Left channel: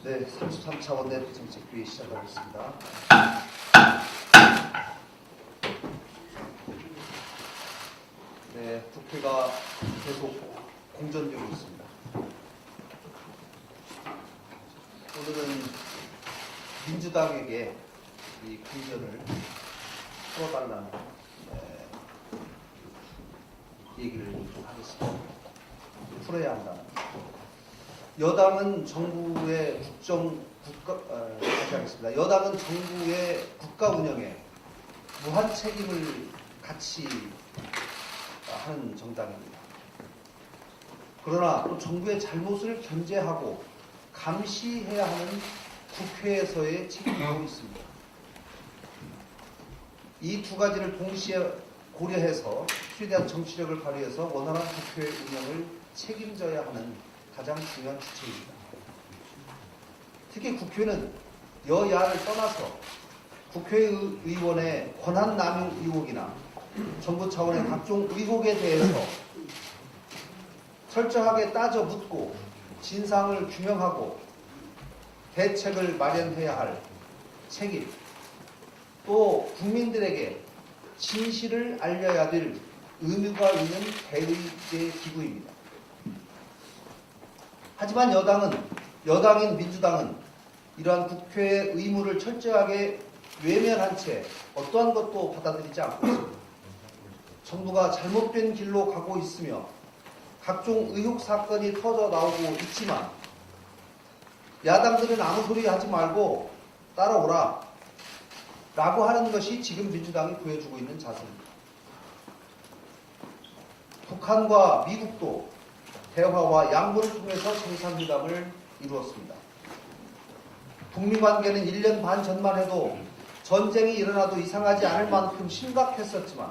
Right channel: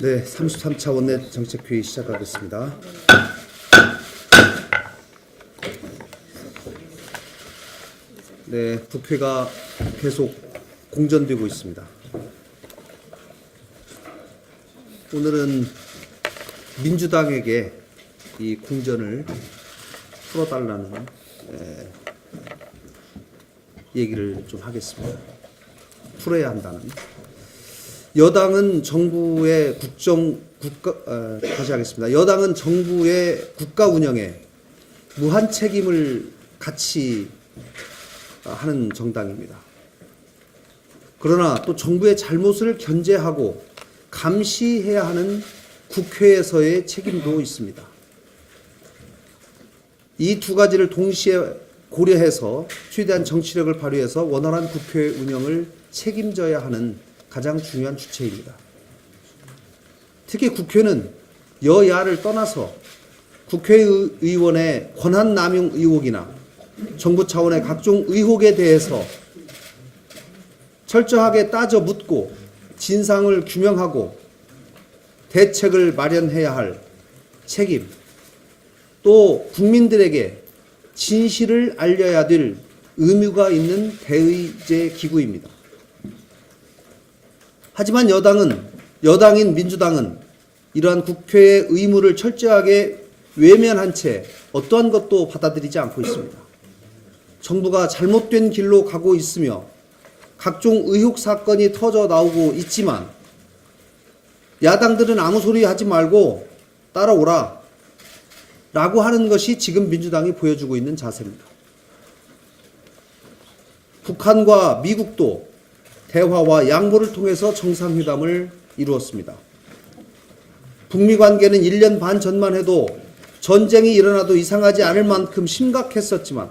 네, 33차 원내 정책회의 시작하겠습니다. 네, 국회가 계속 공전되고 있습니다. 오늘은 민주당에게 이 공전을 풀어달라는 얘기를 좀 하겠습니다. 풀어야 한다는. 여당은 정부의 다시 하겠습니다. 여당은 정부의 국가 운영에 무한 책임을 같이 하는 정당입니다. 그러나 또 정부의 잘못을 견제하고 감시해야 하는 국회에서의 책임도 있습니다. 이 두 가지를 동시에 고려해서 최대한 정치력을 발휘해서 원활한 국회 운영을 책임져야 하는 가장 중요한 주체입니다. 특히 국회는 여야를 떠나서 국회의원의 권한 남용 의혹이나 정부 차원의 각종 의혹에 대해서 철저하게 따져 묻고 진상을 규명하고 대책을 마련해야 할 책임, 또 국민들에게 진실을 알려야 될 의무가 있는 대의제 기구입니다. 하지만 여당인 민주당은 이러한 국회의 의무를 철저하게 외면한 채 어떠한 것도 받아들이지 않고 있습니다. 정부가 잘못된 길로 가고 있으며 각종 의혹 사건이 터져 나오고 있지만 야당들은 아무 소리 하지 말고 따라오라 라고 하는 것이 지금 민주당이 보여주고 있는 자세입니다. 북한과 미국도 대화와 양보를 통해서 정상회담을 이루었습니다. 북미 관계는 1년 반 전만 해도 전쟁이 일어나도 이상하지 않을 만큼 심각했었지만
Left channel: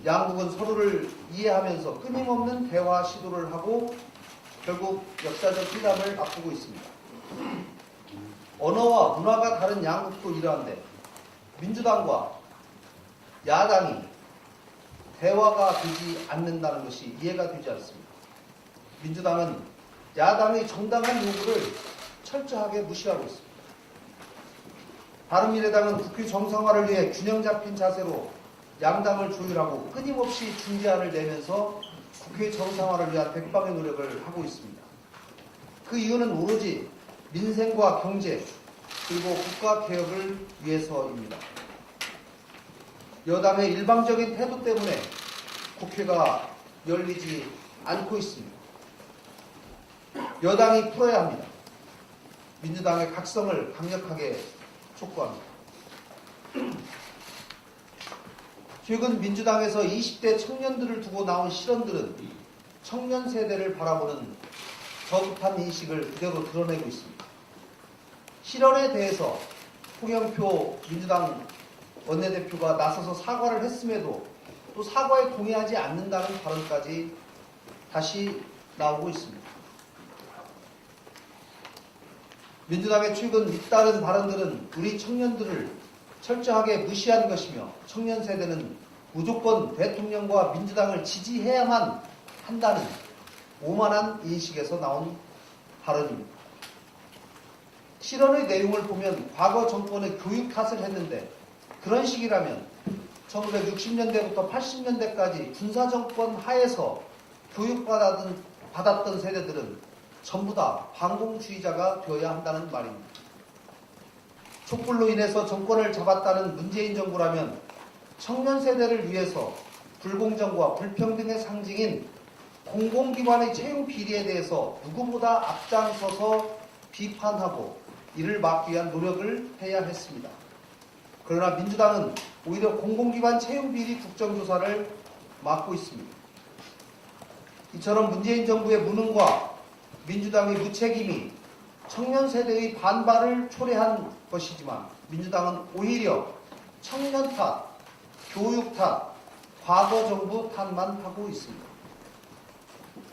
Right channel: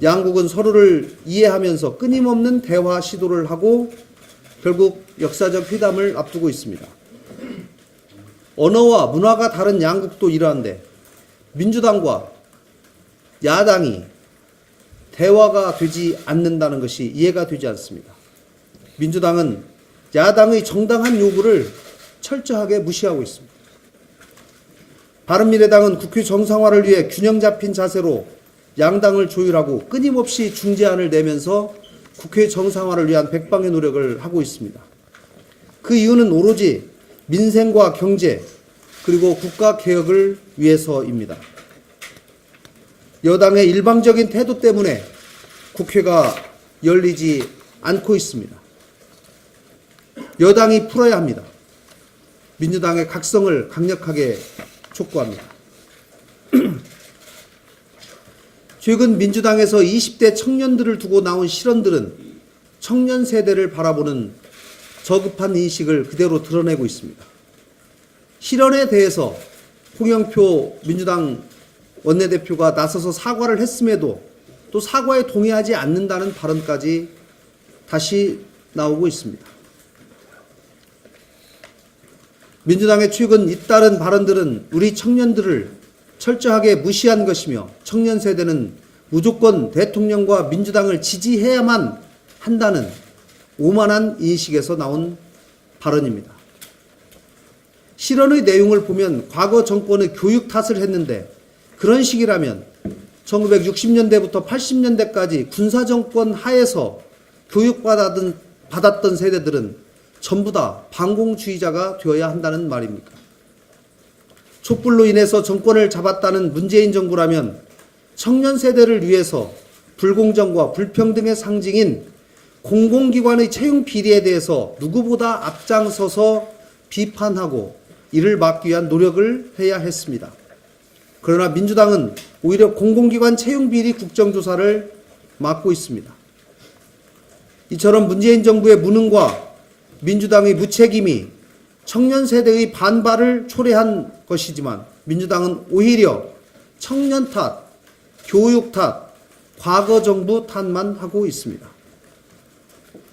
양국은 서로를 이해하면서 끊임없는 대화 시도를 하고 결국 역사적 회담을 앞두고 있습니다. 언어와 문화가 다른 양국도 이러한데 민주당과 야당이 대화가 되지 않는다는 것이 이해가 되지 않습니다. 민주당은 야당의 정당한 요구를 철저하게 무시하고 있습니다. 바른미래당은 국회 정상화를 위해 균형 잡힌 자세로 양당을 조율하고 끊임없이 중재안을 내면서 국회 정상화를 위한 백방의 노력을 하고 있습니다. 그 이유는 오로지 민생과 경제 그리고 국가 개혁을 위해서입니다. 여당의 일방적인 태도 때문에 국회가 열리지 않고 있습니다. 여당이 풀어야 합니다. 민주당의 각성을 강력하게 촉구합니다. 최근 민주당에서 20대 청년들을 두고 나온 실언들은 청년 세대를 바라보는 저급한 인식을 그대로 드러내고 있습니다. 실언에 대해서 홍영표 민주당 원내대표가 나서서 사과를 했음에도 또 사과에 동의하지 않는다는 발언까지 다시 나오고 있습니다. 민주당의 최근 잇따른 발언들은 우리 청년들을 철저하게 무시한 것이며 청년 세대는 무조건 대통령과 민주당을 지지해야만 한다는 오만한 인식에서 나온 발언입니다. 실언의 내용을 보면 과거 정권의 교육 탓을 했는데 그런 식이라면 1960년대부터 80년대까지 군사정권 하에서 교육받았던 세대들은 전부 다 반공주의자가 되어야 한다는 말입니다. 촛불로 인해서 정권을 잡았다는 문재인 정부라면 청년 세대를 위해서 불공정과 불평등의 상징인 공공기관의 채용 비리에 대해서 누구보다 앞장서서 비판하고 이를 막기 위한 노력을 해야 했습니다. 그러나 민주당은 오히려 공공기관 채용 비리 국정조사를 막고 있습니다. 이처럼 문재인 정부의 무능과 민주당의 무책임이 청년 세대의 반발을 초래한 것이지만 민주당은 오히려 청년 탓, 교육 탓, 과거 정부 탓만 하고 있습니다.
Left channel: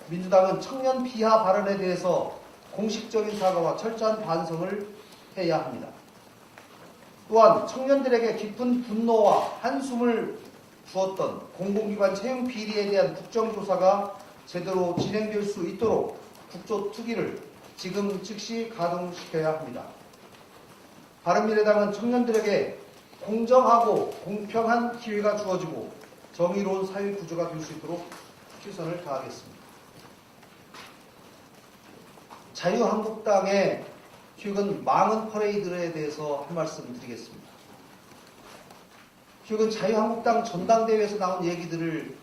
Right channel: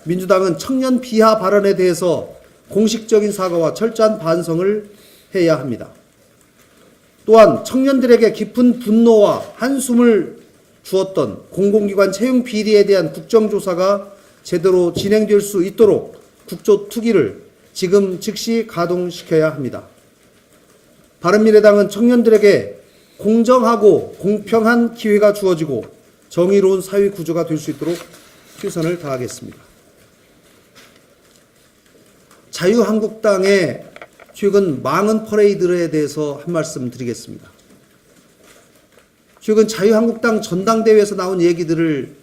민주당은 청년 비하 발언에 대해서 공식적인 사과와 철저한 반성을 해야 합니다. 또한 청년들에게 깊은 분노와 한숨을 주었던 공공기관 채용 비리에 대한 국정조사가 제대로 진행될 수 있도록 국조특위를 지금 즉시 가동시켜야 합니다. 바른미래당은 청년들에게 공정하고 공평한 기회가 주어지고 정의로운 사회 구조가 될 수 있도록 최선을 다하겠습니다. 자유한국당의 최근 망언 퍼레이드에 대해서 한 말씀 드리겠습니다. 최근 자유한국당 전당대회에서 나온 얘기들을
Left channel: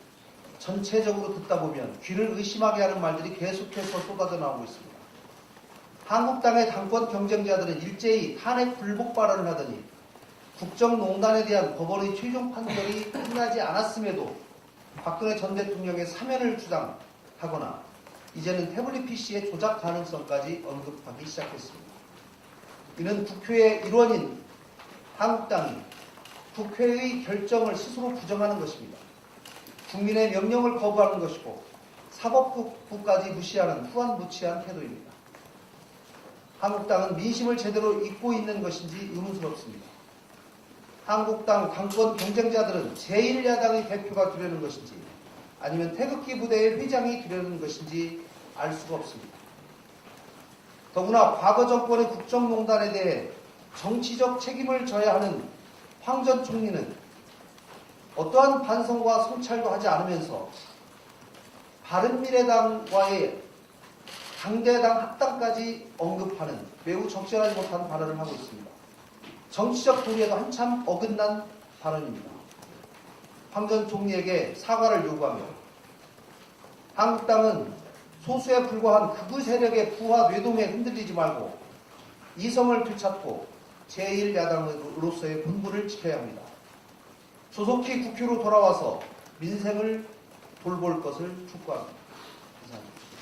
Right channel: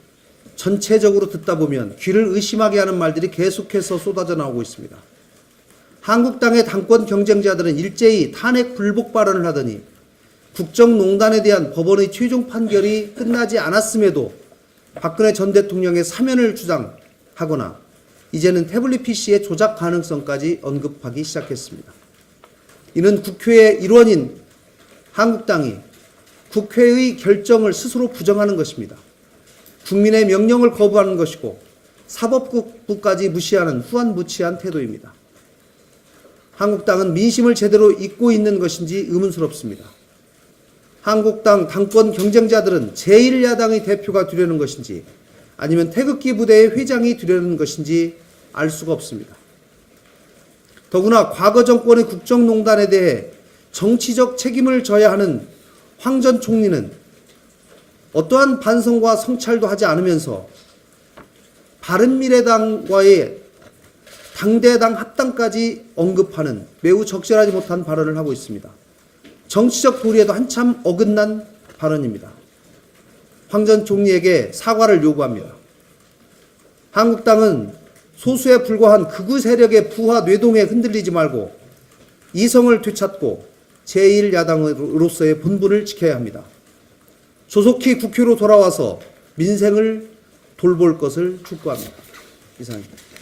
전체적으로 듣다 보면 귀를 의심하게 하는 말들이 계속해서 쏟아져 나오고 있습니다. 한국당의 당권 경쟁자들은 일제히 탄핵 불복 발언을 하더니 국정농단에 대한 법원의 최종 판결이 끝나지 않았음에도 박근혜 전 대통령의 사면을 주장하거나 이제는 태블릿 PC의 조작 가능성까지 언급하기 시작했습니다. 이는 국회의 일원인 한국당이 국회의 결정을 스스로 부정하는 것입니다. 국민의 명령을 거부하는 것이고 사법부까지 무시하는 후안무치한 태도입니다. 한국당은 민심을 제대로 잇고 있는 것인지 의문스럽습니다. 한국당 당권 경쟁자들은 제1야당의 대표가 되려는 것인지 아니면 태극기 부대의 회장이 되려는 것인지 알 수가 없습니다. 더구나 과거 정권의 국정농단에 대해 정치적 책임을 져야 하는 황 전 총리는 어떠한 반성과 성찰도 하지 않으면서 바른미래당과의 당대당 합당까지 언급하는 매우 적절하지 못한 발언을 하고 있습니다. 정치적 도리에도 한참 어긋난 발언입니다. 황 전 총리에게 사과를 요구합니다. 한국당은 소수에 불과한 극우 세력의 부하 뇌동에 흔들리지 말고 이성을 되찾고 제1야당으로서의 본분을 지켜야 합니다. 조속히 국회로 돌아와서 민생을 돌볼 것을 촉구합니다. 이상입니다.